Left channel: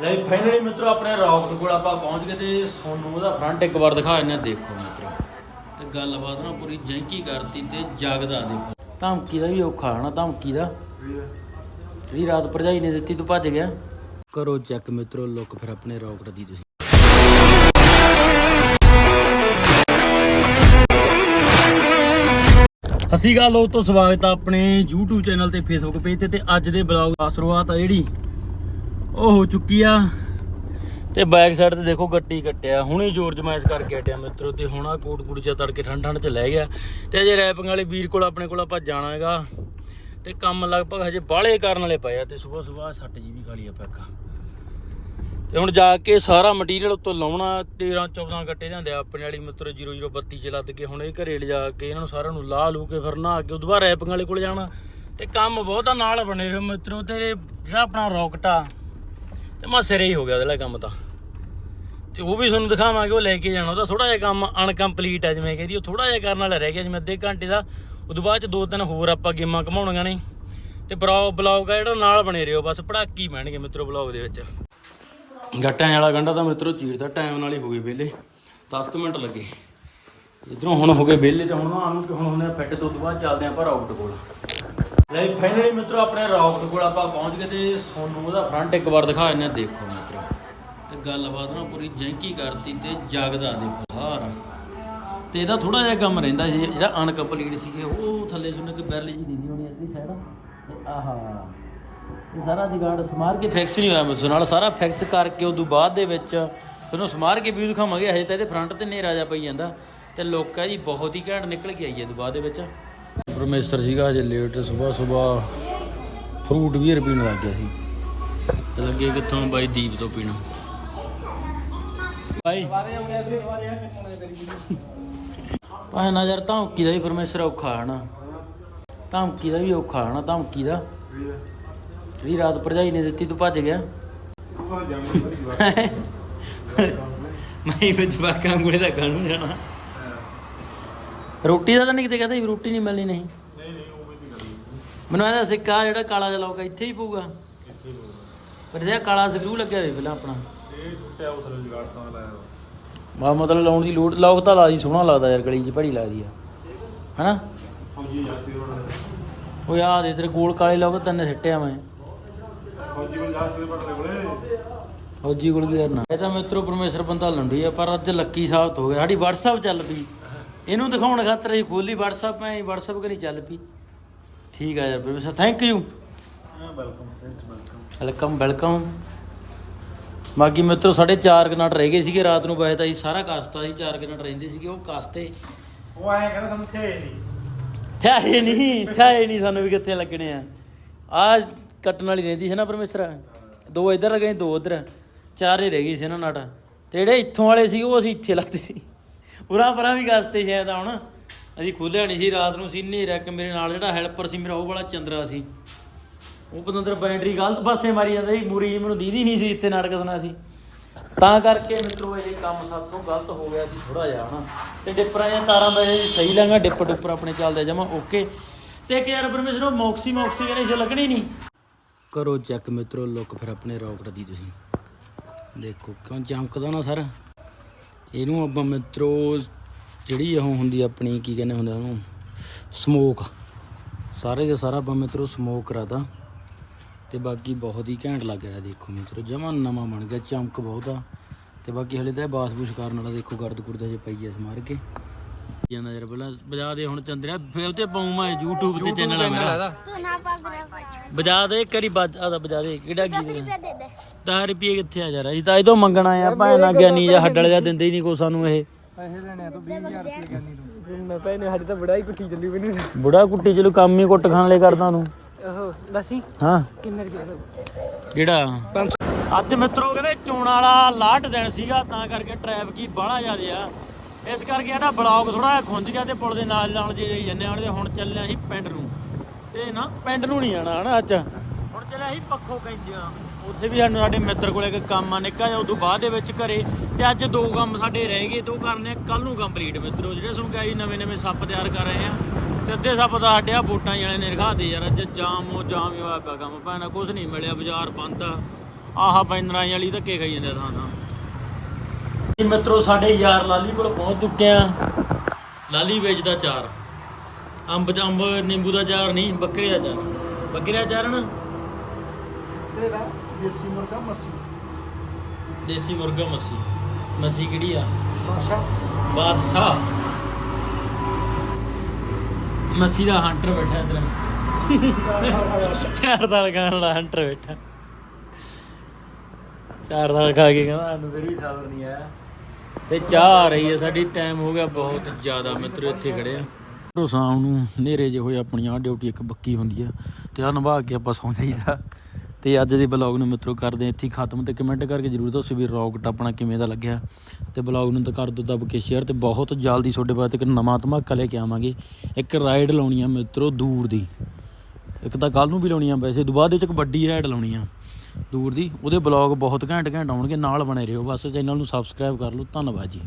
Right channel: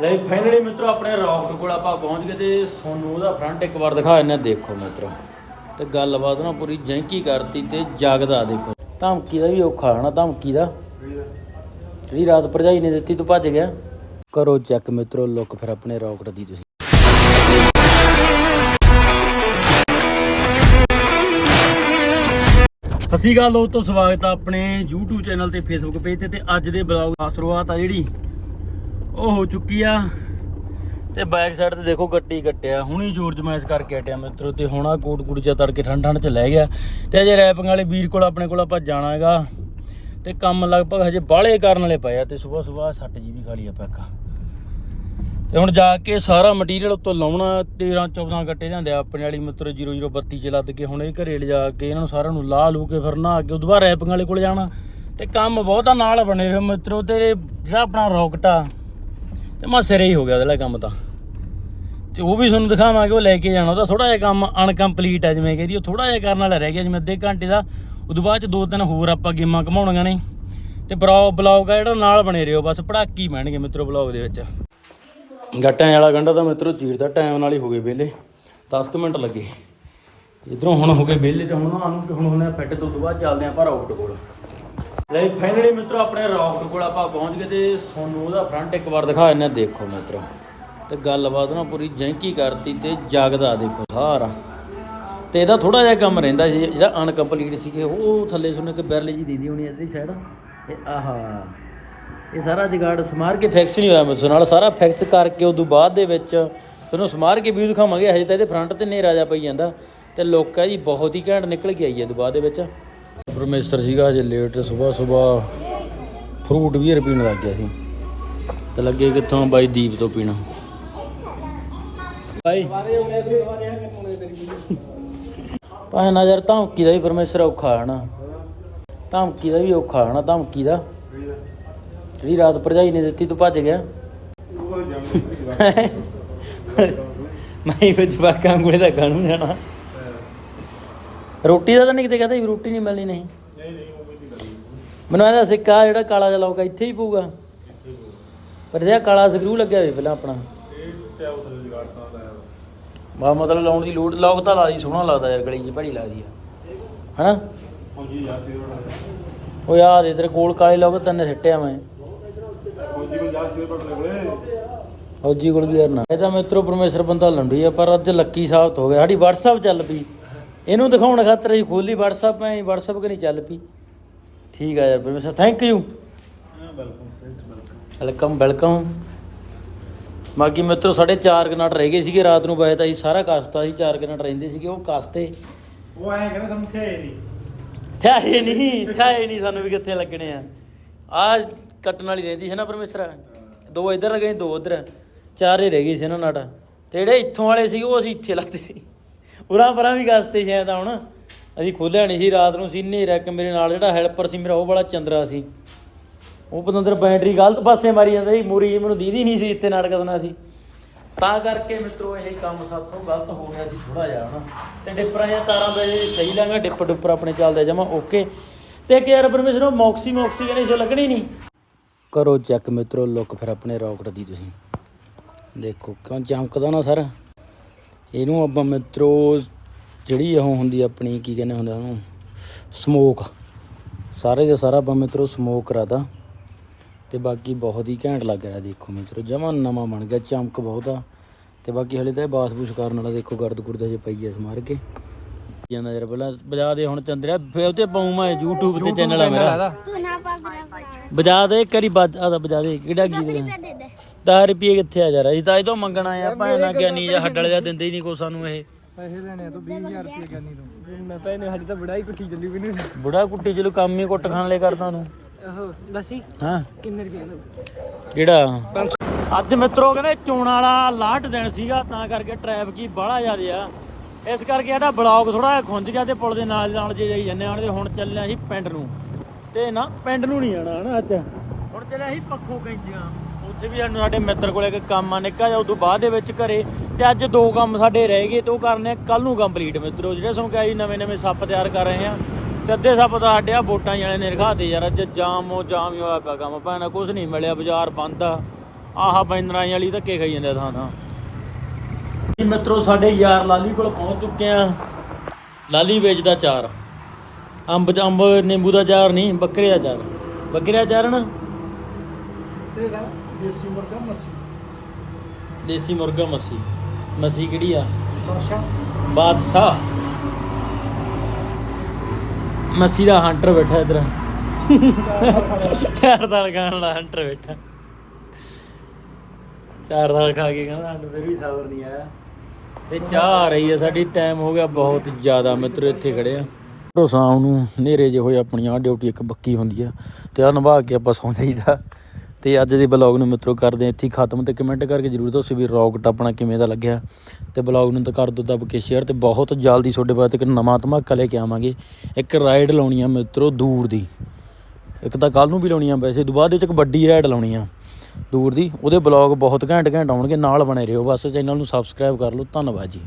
ਲੈ ਫਾਈਨਲੀ ਮਿੱਤਰੋ ਆਪਣੇ ਰੌਕਟ ਕੋਲ ਆਪਾਂ ਪਹੁੰਚ ਗਏ ਤੇ ਤੁਹਾਨੂੰ ਉਹਦਾ ਫਰੰਟ ਇੱਕ ਵਾਰ ਦਿਖਾ ਦਿੰਦੇ ਦੇਖੋ ਮਿੱਤਰੋ। ਤੇ ਗੱਲਬਾਤ ਨਾ ਪੂਰੀ ਜੈਂਕੀ ਕਰਤੀ ਤੇ ਜਗਦਾ ਦੇਖੋ। ਧਮਕੀ ਦਾ ਵੀ ਔਖਾ ਹੈ ਧਮਕੀ ਦਾ। ਜਿਹੜੀ ਰਾਤ ਭਰਜਾਈ ਨੇ ਦਿੱਤੀ, ਤੂੰ ਭੱਜ ਗਿਆ। ਕਰੋ ਚੈੱਕ ਮਿੱਤਰੋ ਲੁੱਕ ਫਿਰ ਆਪਣੇ ਰੌਕਟ ਦੀ ਤੁਸੀਂ। ਅਸੀਂ ਗੱਲ ਉਹ ਤੋਂ ਸਵਾਗਤ ਆ ਆਪਣੇ YouTube ਚੈਨਲ ਤੇ Facebook ਪੇਜ ਤੇ ਤੇ ਅੱਜ ਦੇ ਬਲੌਗ ਦੀ ਸ਼ੁਰੂਆਤ ਆ ਜਿਹੜੀ। ਉਹ ਹੋ ਚੁੱਕੀ ਆ। ਤੇ ਬੈਕ ਸਾਈਡ ਤੇ ਦੇਖੋ ਗੱਟੀ ਕੱਟਿਆ। ਹੁਣੀ ਜੋਰ ਜਮਾਇਸ਼ ਕਰਕੇ ਹਟਿਆ ਮਿੱਤਰੋ ਤੇ ਹੁਣ ਆ ਕੋਟ ਕੁੜ ਜਿਹਾ ਤੜਕੇ ਠੰਡ ਠੰਡ ਚ ਲੈ ਗਿਆ। ਤੇ ਅਜੇ ਰੈਪਿੰਗ ਵਾਲੇ ਵੀਰ ਕੋਲ ਆਪਣੇ ਕੋਲ ਆਪਾਂ ਜਾਣਾ ਹੈਗਾ। ਤੇ ਕੰਮ ਲਗਭਗ ਹਜੇ ਬਾਹਲੇ ਕਰਨ ਵਾਲੇ ਪਏ ਆ ਤੇ ਸਵੇਰ ਸਵੇਰ ਸੱਟ ਜੀ ਵੀ ਖਾਲੀ ਲਈ ਆਪਾਂ ਇੱਕ। ਤੇ ਹੁਣ ਜਾ ਕੇ ਸਾਰਾ ਮਟੀਰੀਅਲ ਉੱਤੋਂ ਲਾਉਣਾ 13 14 ਗੱਟੇ ਜਾਂਦੇ ਆ ਆਪਣੇ ਵਾਲੀ ਮਿੱਤਰੋ 0032 ਚ ਲੱਦ ਕੇ ਹੁਣ ਇਹ ਘਰੇ ਲਿਜਾ ਕੇ ਇਹਨਾਂ ਨੂੰ ਸਾਰਿਆਂ ਨੂੰ ਲਾ ਲੂ ਕੇ ਫਿਰ ਨਹਾ ਕੇ ਉਦੋਂ ਬਾਅਦ ਰੈਪਿੰਗ ਵਾਲੇ ਕੋਲ ਜਾਣਾ। ਤੇ ਕੰਮ ਬਹੁਤਾ ਨਾਲ ਬਣੇ ਰਹੇ ਮਿੱਤਰੋ ਤੇ ਜਿਹੜਾ ਆਪਣਾ ਰੌਕਟ ਆ ਤੇ ਮਾ ਸਿਰੇ ਹੀ ਹੋ ਗਿਆ ਉਹਦਾ ਕੰਮ ਤਾਂ। ਤੇ ਉਹ ਵੀ ਤੁਹਾਨੂੰ ਦਿਖਾਵਾਂਗੇ, ਉਹ ਲੈ ਕੇ ਜਾਣਾ। ਉਹਦਾ ਥੋੜਾ ਜਿਹਾ ਕੰਮ ਅਨਕੰਪਲੀਟ ਹੈ ਜਿਵੇਂ ਕਹਿੰਦੀ, ਉਹ ਥੋੜਾ ਜਿਹਾ ਕਰਨ ਵਾਲਾ ਰਹਿ ਗਿਆ, ਜਿਵੇਂ ਅੱਧੇ ਘੰਟੇ ਦਾ। ਉਦੋਂ ਬਾਅਦ ਚ ਦੋ ਤਿੰਨ ਹੋਰ ਆਪਾਂ ਗੇਮਾਂ ਘਮਾਉਣੀਆਂ ਨੇ। ਤੇ ਬਲੌਗ ਬਲੌਗ ਆ ਜਿਹੜਾ, ਨਾਲ ਬਣੇ ਰਹੋ। ਬਸ ਪੜਾਕੀ ਬਹਿਣਗੇ ਮਿੱਤਰੋ ਬਲੌਗ ਦੇ ਵਿੱਚ। ਗੱਟਾਂ ਵਾਲਾ ਗੰਡਾ ਤਾਂ ਮਿੱਤਰੋ ਚੀਰਦਾ ਟਾਈਮ ਨਾਲ ਹੀ ਹੋ ਗਏ ਵਿਹਲੇ। 10 ਕੁ ਮਿੰਟ ਲੱਗੇ। ਇਧਰੋਂ ਹੁਣ ਹੋ ਗਏ ਵਿਹਲੇ ਤੇ ਹੁਣ ਨਾ ਨੂੰ ਕਿ ਹੁਣ ਹੁੰਦੇ ਫਿੱਟ ਤੋਂ ਉਦੋਂ ਬਾਅਦ ਚੱਲਦੇ ਆਂ ਪਰ ਆਊਟ ਕੋਲ। ਲੈ ਫਾਈਨਲੀ ਮਿੱਤਰੋ, ਆਪਣੇ ਰੌਕਟ ਕੋਲ ਆਪਾਂ ਪਹੁੰਚ ਗਏ ਤੇ ਤੁਹਾਨੂੰ ਉਹਦਾ ਫਰੰਟ ਇੱਕ ਵਾਰ ਦਿਖਾ ਦਿੰਦੇ ਦੇਖੋ ਮਿੱਤਰੋ। ਤੇ ਗੱਲਬਾਤ ਨਾ ਪੂਰੀ ਜੈਂਕੀ ਕਰਤੀ ਤੇ ਜਗਦਾ ਦੇਖੋ ਸਾਰਾ। ਤੇ ਇਹਦਾ ਥੋੜਾ ਜਿਹਾ ਕੰਮ ਰਹਿੰਦਾ ਸੀ, ਜਿਹੜਾ ਅਨਕੰਪਲੀਟ ਸੀਗੇ, ਉਹ ਥੱਲੇ ਸੁਣ ਕੇ ਬੈਰਲ ਜੀ ਦੀਦੀ ਹੋਣੀ ਇਹਦੀ ਸਾਈਡ ਤੇ ਆਹਾ, ਇਹ ਸਾਰਾ ਜਗਾੜ ਸਮਾਰ ਕੇ ਫਿਕਸ ਨਹੀਂ ਹੋਇਆ ਮੇਰੇ ਨਾਲ ਸਾਰਾ ਫਿਕਸ ਕਰਕੇ ਉਦੋਂ ਬਾਅਦ ਦੇ ਵਿੱਚ ਤੁਹਾਨੂੰ ਸਮਾਰ ਕੇ ਵੀ ਦਿਖਾਵਾਂਗੇ, ਹਜੇ ਤਾਂ ਇਹਦੇ ਫਰੰਟ ਤੇ ਨੇਰਾ ਜਾ ਪਈ ਜਾਂਦਾ। ਤੇ ਲੋਕਾਂ ਜੀ ਬਹੁਤ ਹੀ ਘੈਂਟ ਨਿਕਲ ਕੇ ਆਈ ਹੈ ਉਦੋਂ ਬਾਅਦ ਦੇ ਵਿੱਚ। ਪਰਮੇਸ਼ਰ ਸੀਗਾ ਹਜੇ ਲੇਟ ਸਵੇਰ ਸਵੇਰ ਫਰੂਟ ਵੀ ਪੀਣ ਲੱਗ ਗਿਆ ਸੀ। ਤੇ ਲੱਗੇ ਕਿੱਥੋਂ ਬਾਈ ਦੀਪ ਤੋਂ ਪੀਣਾ। ਬਾਈ। ਭਾਵੇਂ ਨਜ਼ਰ ਧਮਕੀ ਦਾ ਵੀ ਪਰਮੇਸ਼ਰ ਔਖਾ ਹੈ ਨਾ। ਧਮਕੀ ਦਾ ਵੀ ਔਖਾ ਹੈ ਨਾ ਧਮਕੀ ਦਾ। ਜਿਹੜੀ ਰਾਤ ਭਰਜਾਈ ਨੇ ਦਿੱਤੀ ਤੂੰ ਭੱਜ ਗਿਆ। ਮੈਂ ਵਿੱਚ ਬਾਕਾਂ ਕੋਲੇ ਦਾ ਕਾਨੂੰਨ ਜਾਣਾ। ਰੋਟੀ ਦਾ ਤਾਂ ਨਹੀਂ ਕਿਤੇ ਕਹਦੇ ਰੋਟੀ ਨਹੀਂ ਮਿਲਣੀ ਨਹੀਂ। ਮੈਨੂੰ ਇਹਦਾ ਸਿੱਕਾ ਜਿਹੜਾ ਕਾਲਾ ਜਿਹਾ ਲੌਕਾ ਇੱਥੇ ਹੀ ਪਊਗਾ? ਪਰ ਜਿਹੜਾ ਕਾਲਾ ਸਕਰੂ ਲੱਗਿਆ ਹੋਵੇ ਪਹਿਲਾਂ ਆਪਣਾ। ਬਾ ਮਤਲਬ ਲਾਉਣ ਦੀ ਲੋੜ ਲੌਕ ਤਾਂ ਲਾਦੀ ਸੋਹਣਾ ਲੱਗਦਾ ਯਾਰ ਗਲੀ 'ਚ ਭੜੀ ਲੱਗਦੀ ਆ। ਹਨਾ? ਉਹ ਯਾਰ ਇਧਰ ਕੋਲ ਕਾਲੇ ਲੌਕ ਤਿੰਨ ਸਿੱਟਿਆ ਮੈਂ। ਫੌਜੀ ਕੋਲ ਕੀ ਕਰਨਾ? ਇਹ ਤਾਂ ਮਿੱਤਰੋ ਪਰਮੇਸ਼ਰ ਬੰਦਾ ਲੰਡੀ ਆ ਪਰ ਅੱਜ ਲੱਕੀ ਸਾਬਤ ਹੋ ਗਿਆ। ਸਾਡੀ WhatsApp ਚੱਲ ਪਈ। ਇਹਨੂੰ ਦਿਖਾਉਣ ਖਾਤਰ ਅਸੀਂ ਖੋਲੀ WhatsApp ਮੈਂ WhatsApp ਕਿ ਨਹੀਂ ਚੱਲ ਪਈ। ਠੀਕ ਆ ਯਾਰ ਪਰਮੇਸ਼ਰ ਥੈਂਕ ਯੂ ਵੈਲਕਮ ਵੈਲਕਮ ਬਾਕੀ ਮਿੱਤਰੋ ਸਾਡੇ 4 ਕਨਾਟ ਰਹਿ ਗਏ ਸੀਗੇ ਰਾਤ ਨੂੰ ਬਾਏ ਤਾਂ ਅਸੀਂ ਸਾਰਾ ਕਸਤਾ ਸੀ 4 ਕਨਾਟ ਰਹਿੰਦੇ ਸੀਗੇ ਉਹ ਕਸਤੇ। ਉਹ ਐਂ ਕਹਿੰਦਾ ਤੁਹਾਨੂੰ ਥੇ ਨਹੀਂ। ਥਾਏ ਨਹੀਂ ਥਾਏ ਨਹੀਂ ਸਾਨੂੰ ਵੀ ਕਿੱਥੇ ਲੱਗਣੇ ਆ। ਆ ਕੱਟਣ ਵਾਲੀ ਰਹਿੰਦੀ ਸੀ ਨਾ ਪਰਮੇਸ਼ਰ ਦੋ ਇੱਧਰ ਲੱਗੇ ਦੋ ਉਧਰ। ਚਾਰ ਹੀ ਰਹਿ ਗਏ ਸੀ ਨਾ ਨਾਟਾ। ਤੇ ਜਿਹੜੇ ਇੱਥੋਂ ਵਾਲੇ ਸੀ ਉਹ ਅਸੀਂ ਇੱਥੇ ਲੱਗਦੇ ਸੀ। ਉਰਾਂ ਪਰਾਂ ਵੀ ਗਸਤੇ ਸੀ ਤਾਂ ਹੁਣ। ਅਸੀਂ ਖੋਲਿਆ ਨਹੀਂ ਸੀ ਰਾਤ ਨੂੰ, ਸੀ ਹਨੇਰਾ ਇੱਕ ਮੇਰੇ ਨਾਲ, ਜਿਹੜਾ ਹੈਲਪਰ ਸੀ ਮੇਰਾ, ਉਹ ਬੜਾ ਚੰਦਰਾ ਸੀ। ਉਹ ਪਤੰਦਰ ਬੈਟਰੀ ਗਲਤ ਪਾਸੇ ਮਾਰੀ ਜਾਂਦਾ ਸੀ, ਮੂਰੀ ਜਿਹੀ ਮੈਨੂੰ ਦੀਦੀ ਨਹੀਂ ਸੀ ਇੱਥੇ ਨਰਕਦਨਾ ਸੀ। ਤਾਂ ਕਰਕੇ ਮਿੱਤਰੋ, ਇਹ ਕੰਮ ਸਾਥੋਂ ਗਲਤ ਹੋ ਗਿਆ ਸੀ ਥੋੜਾ ਜਿਹਾ, ਹਨਾ। ਤੇ ਡਿੱਪਰਾਂ ਜਾਂ ਤਾਰਾਂ ਦਾ ਜੇ ਸਹੀ ਲੈਂਗਾ ਡਿੱਪ ਡੁੱਪਰ ਆਪਣੇ ਚੱਲਦੇ ਜਮਾ ਓਕੇ ਤੇ ਕਿ ਯਾਰ ਪਰਮੇਸ਼ਰ, ਉਹ ਮੌਕਸੀ ਨੂੰ ਆਕਸੀਜਨ ਇਸ਼ੋ ਲੱਗਣੀ ਨਹੀਂ ਕਰੋ ਚੈੱਕ ਮਿੱਤਰੋ, ਲੁੱਕ ਫਿਰ ਆਪਣੇ ਰੌਕਟ ਦੀ ਤੁਸੀਂ। ਦੇਖੋ, ਕਿਉਂ ਚਮਕਦਾ ਨਾ ਸਰ। ਇਹਨੂੰ ਆਪਾਂ ਮਿੱਤਰੋ ਜਿਹੜੀ ਉਹ ਹੁੰਦੀ ਆਪਣੀ ਕੀ ਕਹਿੰਦੇ ਹੁੰਦੇ ਉਹਨੂੰ? ਸਮੋਕ। ਸਾਰੇ ਦੇ ਸਾਰਾ ਆਪਾਂ ਮਿੱਤਰੋ ਸਮੋਕ ਕਰਾਤਾ। ਤੇ ਬਾਕੀ ਬਹੁਤ ਹੀ ਘੈਂਟ ਲੱਗ ਰਿਹਾ ਦੇਖੋ ਮਿੱਤਰੋ। ਜਮਾ ਨਵਾਂ ਬਣ ਗਿਆ ਚਮਕ ਬਹੁਤ ਆ। ਤੇ ਬਾਕੀ ਹਲੇ ਤਾਂ ਇਹ ਬਾਸ ਬੂਸ ਕਰਨ ਵਾਲਾ ਦੇਖੋ ਗਰਦ ਗੁਰਦ ਜੇ ਪਈ ਐ ਸਮਾਰ ਕੇ। ਜਾਂਦਾ ਯਾਰ ਪਹਿਲਾਂ ਵਜਾ ਦੇ ਹੁਣ ਚੰਦਰਿਆ ਫੇਰ ਉਤੇ ਪਾਉਂ ਮੈਂ YouTube ਤੇ ਚੈਨਲ ਆ ਮੇਰਾ। ਵਜਾ ਦੇ ਕਰੀ ਬਾਜਾ ਦਾ ਵਜਾ ਦੇ ਕਿਹੜਾ ਗੀਤ ਰੁਪਏ ਦੇ ਦੇ। 10 ਰੁਪਏ ਕਿੱਥੇ ਆ ਯਾਰ ਅਸੀਂ ਤਾਂ ਇਹਦੋਂ ਮੰਗਣਾ ਆ ਭਾਵੇਂ ਨਾ ਗਿਆਨੀ ਜਾਂ ਹੱਡ ਵਾਲੇ ਦਾ ਦਿੰਦੇ ਹੀ ਨਹੀਂ ਕੋ ਸਾਨੂੰ ਇਹ। ਪੈਸੇ ਲੈਣੇ ਤੋਂ 20000 ਰੁਪਏ ਕਰਨੀ ਤੋਂ ਨਾ ਪੈਨੇ ਸਾਡੀ ਤਾਂ ਕੁੱਟੀ ਬਣੀ ਬੁੜਾ ਕੁੱਟੀ ਚਲੋ ਕੰਮ ਹੀ ਕੁੱਟ ਖਾਣ ਲਈ ਕਰਦਾ ਤੂੰ ਉਹ ਦੱਸੀ ਹਾਂ। ਕਿੰਨੇ ਰੁਪਏ ਜਿਹੜਾ? ਅੱਜ ਮਿੱਤਰੋ ਕਹਿੰਦੇ ਚੋਣਾਂ ਵਾਲਾ ਲਾਟ ਦਿਨ ਸੀਗਾ ਤਾਂ ਕਰਕੇ ਟ੍ਰੈਫਿਕ ਬਾਹਲਾ ਜ਼ਿਆਦਾ ਆ। ਇਸ ਕਰਕੇ ਇਹਦਾ ਬਲੌਗ ਥੋੜਾ ਜਿਹਾ ਖੁੰਝ ਗਿਆ ਤੇ ਪੁਲ ਦੇ ਨਾਲ ਨਾਲ ਜੇ ਜਾਈ ਜੰਨੇ ਆਣ ਤੇ ਹੁਣ ਚੱਲਿਆ ਸੀ ਪਿੰਡ ਨੂੰ। ਤੇ ਨਾ ਪਿੰਡ ਨੂੰ ਨਹੀਂ ਆਣਾ ਹਨਾ ਅੱਜ। ਹੁਣ ਚੱਲਿਆ ਸੀ ਪੱਖੋ ਕੈਂਚੀਆਂ ਉੱਥੇ ਵੀ ਸਾਨੂੰ ਸਾਡੇ ਮਿੱਤਰ ਕੋਲੇ ਇੱਕ ਕੰਮ ਆ ਨਿੱਕਾ ਜਿਹਾ ਉਦੋਂ ਬਾਅਦ ਦੇ ਵਿੱਚ ਘਰੇ। ਤੇ ਅੱਜ ਦੋ ਕੰਮ ਸਾਡੇ ਰਹਿ ਗਏ ਤੇ ਉਹ ਕਰਨੇ ਕੱਲ ਨੂੰ ਕੰਪਲੀਟ ਮਿੱਤਰੋ। ਜਿਹੜੇ ਸਾਨੂੰ ਕਹੀ ਨਵੇਂ ਨਵੇਂ ਸੱਪ ਤਿਆਰ ਕਰ ਰਹੇ ਆ ਤੇ ਅੱਧੇ ਸੱਪ ਤਾਂ ਸਾਡੇ ਆ ਵੋਟਾਂ ਵਾਲੇ ਨੇ ਰਖਾਤੇ ਯਾਰ ਅੱਜ ਜਾਮ ਉਹ ਜਾਮ ਹੀ ਹੋਇਆ ਪਿਆ ਕੰਮ। ਭੈਣਾ ਕੁਝ ਨਹੀਂ ਮਿਲਿਆ ਬਾਜ਼ਾਰ ਬੰਦ ਆ। ਆਹ ਪੈਂਦਰਾਈ ਵਾਲੀ ਧੱਕੇ ਖਾਈ ਜਾਂਦੇ ਥਾਂ ਥਾਂ। ਜੀ ਮਿੱਤਰੋ ਸਾਡੇ ਯਾਰ ਲਾਲੀ ਕੋਲ ਪਹੁੰਚ ਚੁੱਕੇ ਆ। ਲਾਲੀ ਵੇਚਦਾ ਚਾਰ। ਅੰਬ ਚ ਅੰਬ ਨਿੰਬੂ ਦਾ ਚਾਰ ਨਹੀਂ ਬੱਕਰੇ ਦਾ ਚਾਰ ਬੱਕਰੇ ਦਾ ਚਾਰ ਨਾ? ਤੇਰਾ ਦੇਸੀ ਮੁਰਗਾ ਮੱਸੀ। ਦੇਸੀ ਮੁਰਗਾ ਮੱਸੀ। ਮੱਸੀ ਕਿਹੜੀ ਆ? ਬਾਸ਼ਾ ਬਾਦਸ਼ਾਹ। ਮੱਸੀ ਦਾ ਹੰਟਰ ਬੈਠਾ ਇਧਰ। ਚਾਰ ਦਾਲ ਖਾਣ ਵਾਲਾ ਹੰਟਰ ਬੈਠਾ। ਚਾਰ ਦਾਲ ਖਾ ਕੇ ਕਹਿੰਦਾ ਸਾਨੂੰ ਫਿਰ ਵੀ ਸਬਰ ਨਹੀਂ ਆਇਆ। ਤੇ ਚਾਹ ਆ ਰਹੀ ਹੈ ਸਾਡੀ ਟਾਈਮ ਹੋ ਗਿਆ ਬਹੁਤ ਜ਼ਿਆਦਾ ਮਿੱਤਰੋ ਇੱਥੇ ਖੜੇ ਆ ਰੋ ਸ਼ਾਮ ਨੂੰ ਹਨੇਰੇ ਜੇ ਹੋਏ ਆਪਣੀ ਆ ਡਿਊਟੀ ਇੱਕ ਬੱਕੀ ਹੁੰਦੀ ਆ, ਤੇ ਆ ਨਿਭਾ ਕੇ ਆਪਾਂ ਸੌਂ ਜਾਈਦਾ। ਤੇ ਅੱਜ ਦੇ ਬਲੌਗ ਨੂੰ ਮਿੱਤਰੋ ਕਰਦੇ ਹਾਂ ਇੱਥੇ ਹੀ ਖਤਮ ਤੇ ਕਮੈਂਟ ਕਰਕੇ ਜਰੂਰ ਦੱਸੋ ਵੀ ਰੌਕਟ ਆਪਣਾ ਕਿਵੇਂ ਦਾ ਲੱਗਿਆ। ਤੇ ਬਲੌਗ ਨੂੰ ਤਾਂ ਕਰ ਦੋ ਦੱਬ ਕੇ ਸ਼ੇਅਰ ਤੇ ਬਹੁਤ ਜਲਦੀ ਤੁਹਾਡੇ ਵਾਸਤੇ ਇੱਕ ਨਵਾਂ ਧਮਾਕਾ ਲੈ ਕੇ ਆਵਾਂਗੇ। ਇੱਕ ਰਾਈਡ ਲਾਉਣੀ ਆ ਮਿੱਤਰੋ ਦੂਰ ਦੀ। ਇੱਕ ਤਾਂ ਕੱਲ ਨੂੰ ਵੀ ਲਾਉਣੀ ਆ ਵੈਸੇ ਤੋਂ ਬਾਅਦ ਵਿੱਚ ਇੱਕ ਵੱਡੀ ਰਾਈਡ ਲਾਉਣੀ ਆ ਦੂਰ ਦੀ। ਉਹਦੇ ਬਲੌਗ ਬਹੁਤ ਘੈਂਟ ਘੈਂਟ ਆਉਣਗੇ, ਨਾਲ ਬਣੇ ਰਹੋ। ਬਸ ਚੈਨਲ ਨੂੰ ਸਬਸਕ੍ਰਾਈਬ ਕਰ ਲਓ। ਧੰਨਵਾਦ ਜੀ।